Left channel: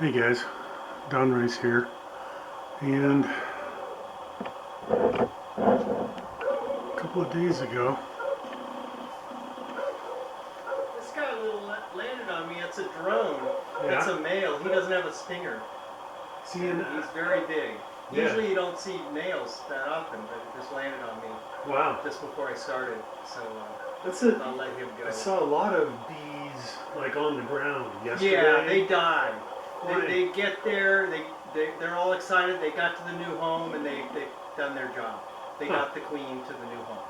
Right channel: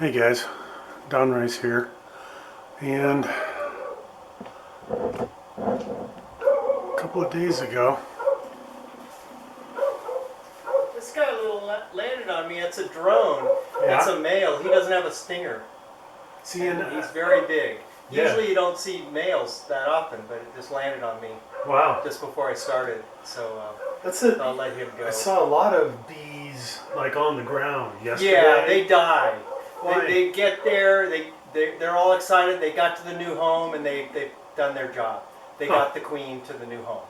Hey guys, Don Rice here, and a couple of days ago, This guy landed on me. It's a drone. It's yeah, a male. He doesn't have a stinger. seeing, He's very big. yeah, Usually you don't see males that often, but it just landed on me wow, just before I started. So that's it. I'll let him go. I saw a lot of bees like on the ground Yeah, yesterday. they die. Why? They get there. They're all excited. They got to the new home and they've done their job. They Huh? got the queen to the new home.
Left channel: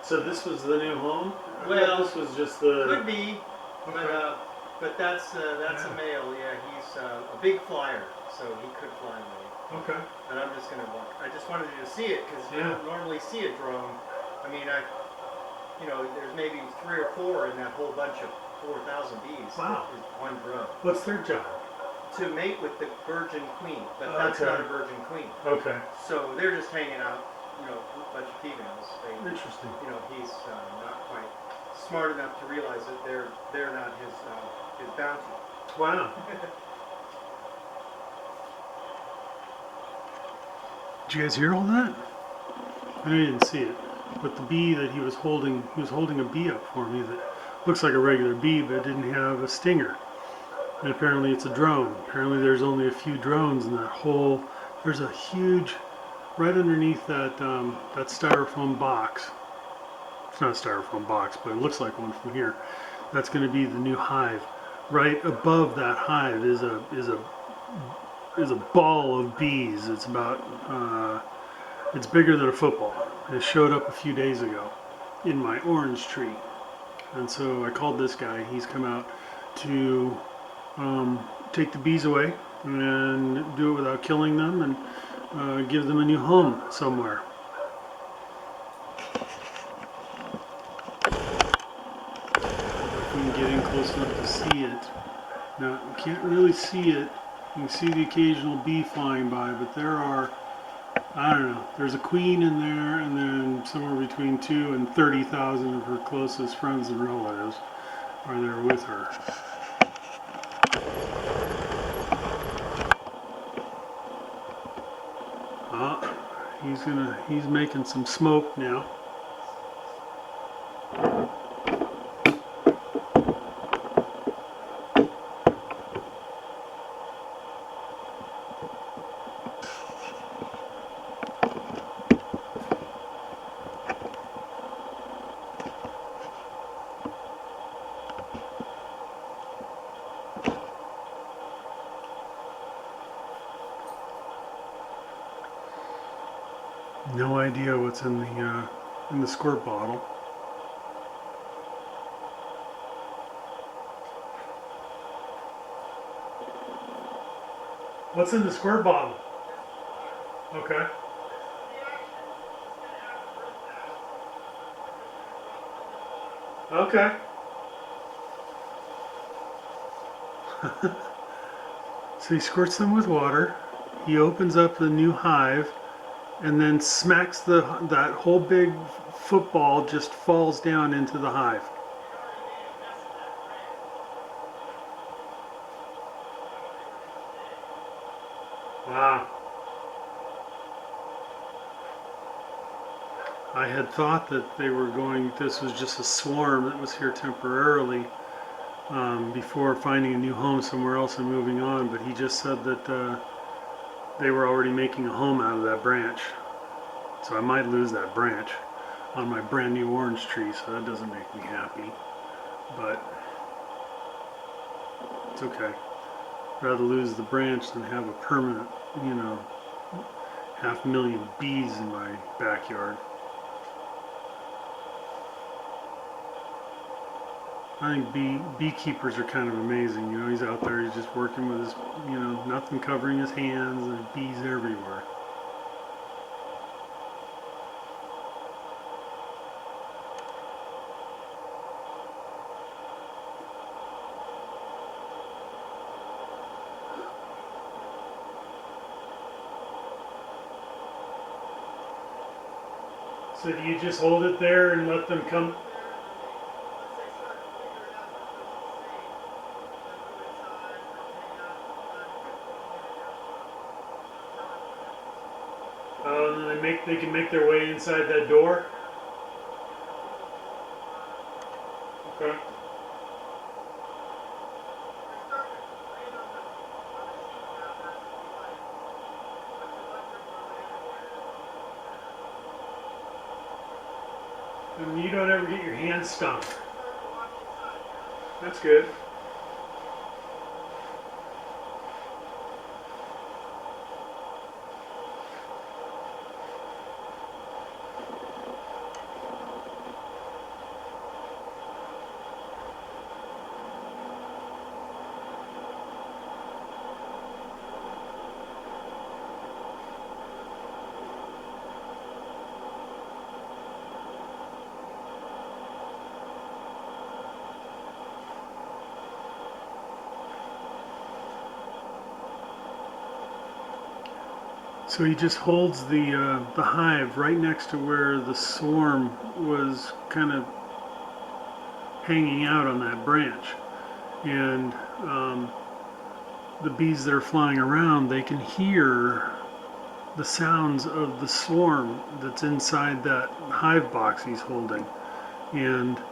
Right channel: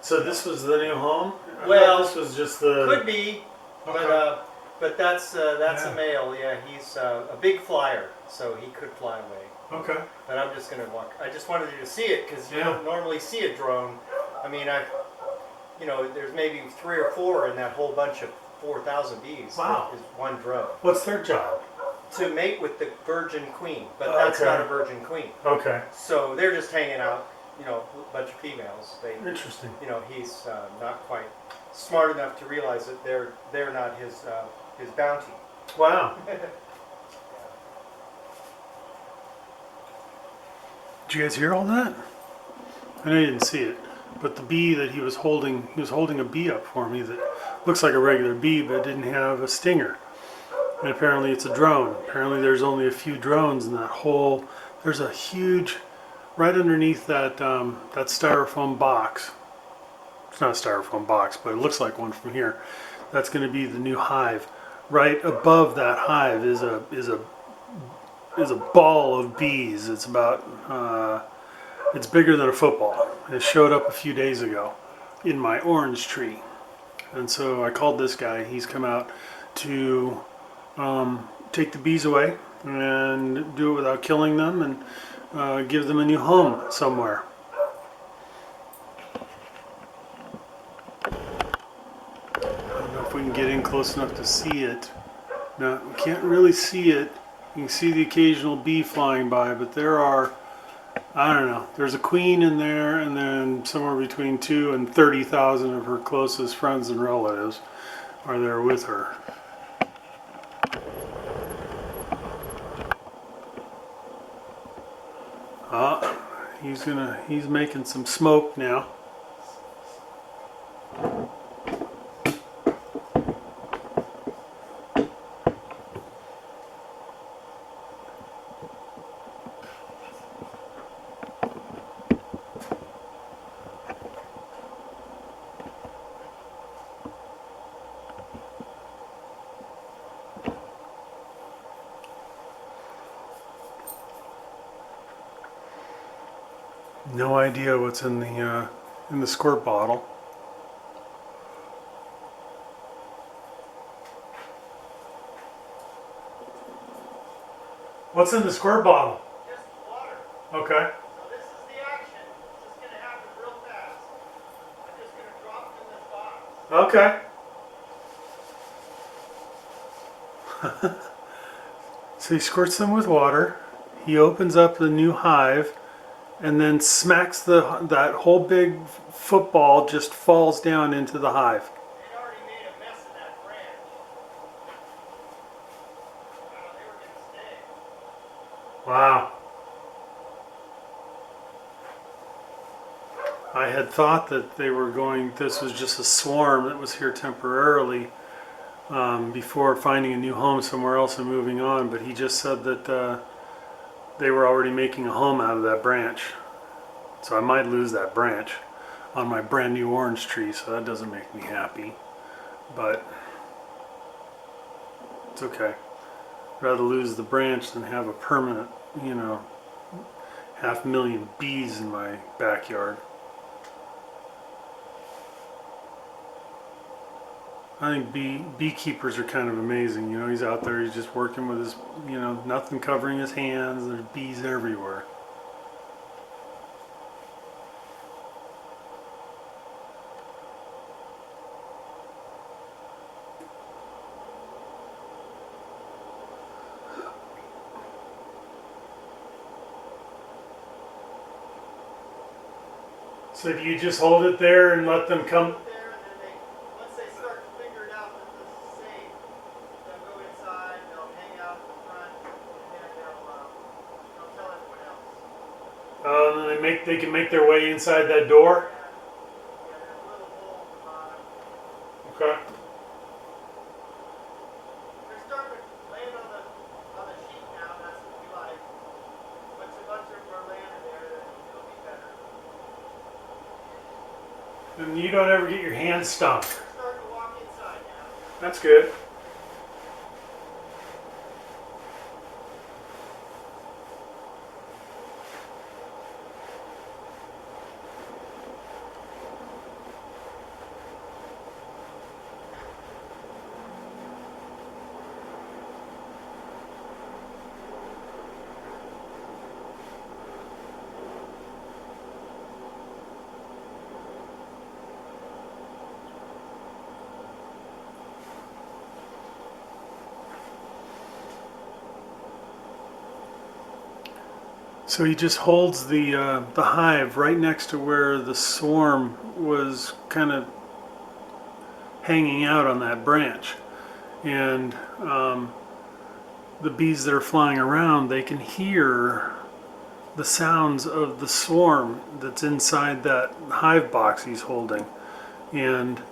So this was the new home? I thought Well, this was just the. could be, but Okay. that's Yeah. a male. Yeah, he's a big flyer, so he could fly away. Okay. But I'm just gonna walk. I just wanted you to see it because you Yeah. don't normally see a drone. I mean, there's maybe 3 or 4 in that whole bunch of 4,000 bees. Wow. Is one drone What's their job? to mate with the virgin queen, but Oh, that's okay. not a virgin queen. Okay. So they're just hanging out. A bunch of females. Interesting. He's not quite smart enough to realize that they're not his bounty. Wow. Did you guys hear all that? I know you didn't see it, but the bee that he was holding a bee up for me that looks like a regular bee, but it didn't have a stinger. And apparently it's a drone. Apparently there's only a few drones in that whole. There's a huge, right underneath that styrofoam box. It's not a styrofoam box, but it looks like one from here. That's going to be the new hive. Right above that hive is a ball of bees. It's about it's bigger than a football. It showed up a few days ago in my orange tree. And so I called this guy. He's come out to take the bees away and do it without killing them and give them a new home somewhere. I don't know if we can get in close enough to see it. Now, we can't really see it. You can see the occasional bee flying by, but there are, I don't know, there's a queen in there, and then somewhere between 2 and 30,000 of her closest friends and relatives are there with her. Ah, he's making some smoke now. No idea what's in the squirt bottle. What's in the squirt bottle? Just water. Okay. Now this is the action. It's going to happen real fast. I'm just going to drop it in this bottle. Okay. So he squirts them with water. He opens up the new hive, and then smacks that whole big football just falls down into the hive. They already made a mess of that branch. They were going to stay. Wow. I had thought that this was just a swarm that was here temporarily before finding a new home somewhere else and moving on, but he just said that they were already making a home out of that branch. So I might lose that branch on my brand new orange tree, so that doesn't make me happy. But it's okay. I'd rather lose the branch than have a permanent, 500,000 bees in my backyard. I think beekeepers are kind of amazing. He's out there, he's just working with his, nothing covering his hands. There's bees everywhere. So do you just hold it there and let them come? There, and then once they start to figure it out that this is safe, they'll go inside, they'll hang out in the front, And they can make their way inside that door. Okay. And you don't ever get your hands stung. That's good. So he just holds the hive right next to where the swarm was kind of hanging out on that branch, and the bees that are flying around, they can hear the sounds of the swarm that's inside that hive box he's holding, and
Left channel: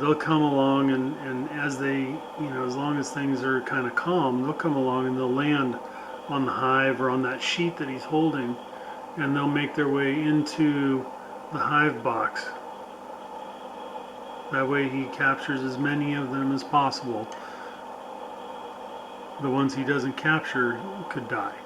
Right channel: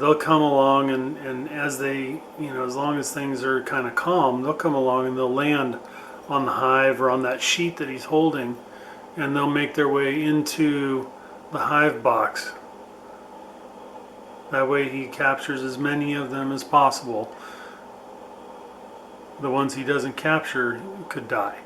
they'll come along, and as they, as long as things are kind of calm, they'll come along and they'll land on the hive or on that sheet that he's holding, and they'll make their way into the hive box. That way he captures as many of them as possible. The ones he doesn't capture could die.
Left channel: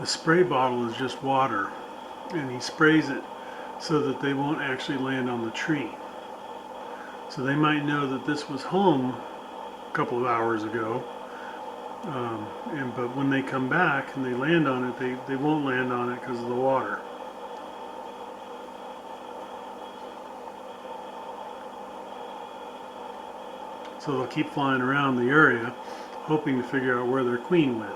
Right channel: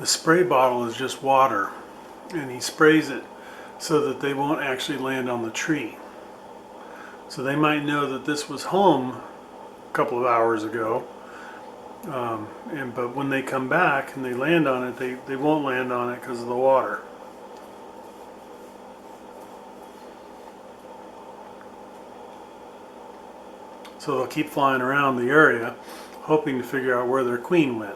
The spray bottle is just water, and he sprays it so that they won't actually land on the tree. So they might know that this was home a couple of hours ago, but when they come back and they land on it, they won't land on it because of the water. So they'll keep flying around the area, hoping to figure out where their queen went.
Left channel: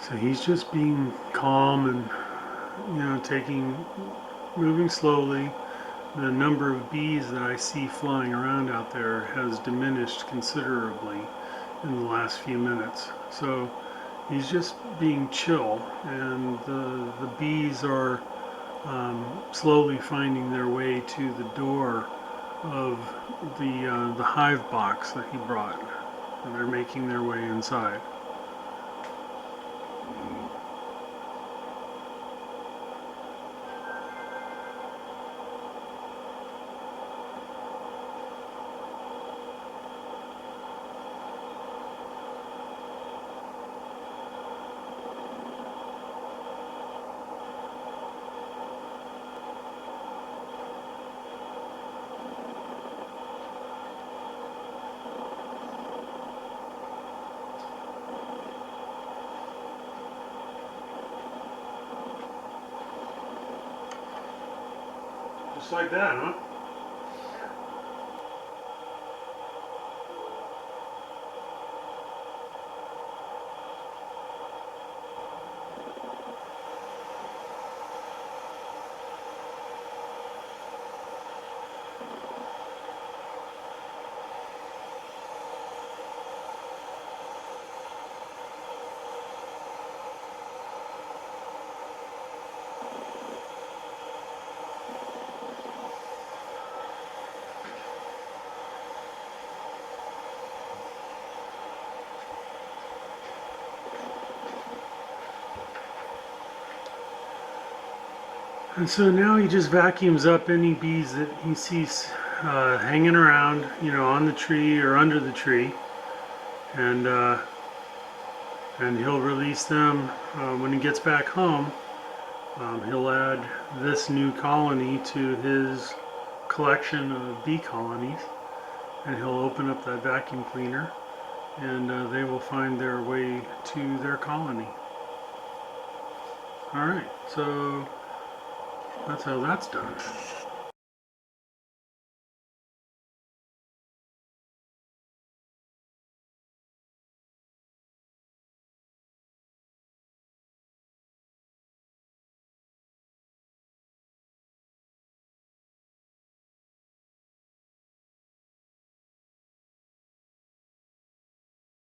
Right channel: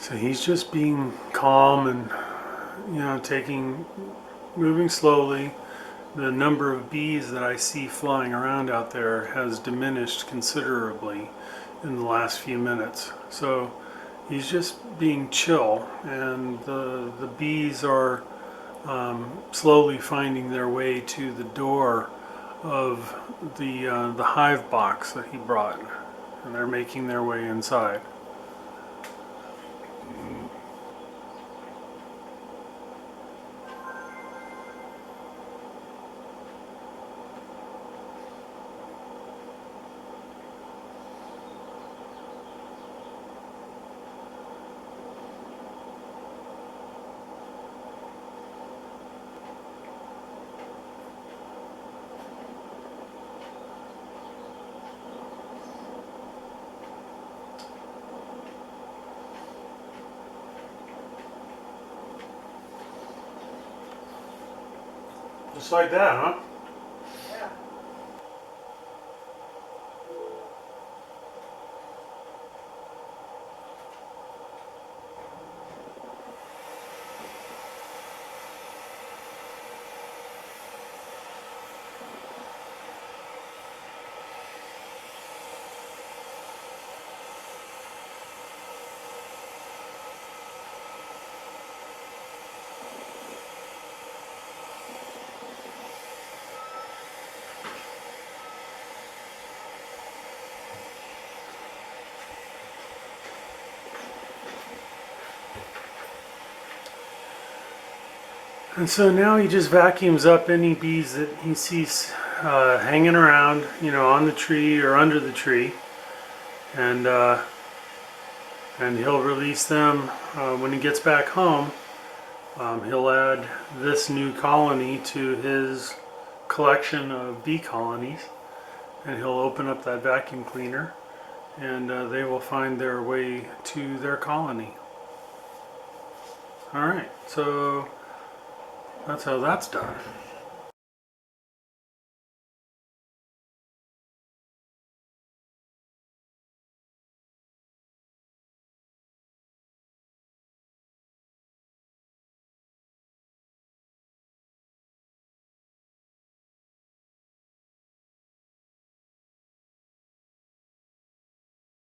So he's just being calm and, moving slowly. The number of bees that I see flying around out there has diminished considerably in the last few minutes. So he's just being chill, and the bees are slowly finding their way to the door of the hive box that he brought, and they're making their way inside. Just like that, huh? And so now he just vacuums up any bees that he sees hanging around, on the tree or under the tree, and he'll release them when he gets back home. He'll add this new colony to his collection of bee colonies, and he'll open up that vacuum cleaner, and they will find their way to their colony. All right, so that's how that's done.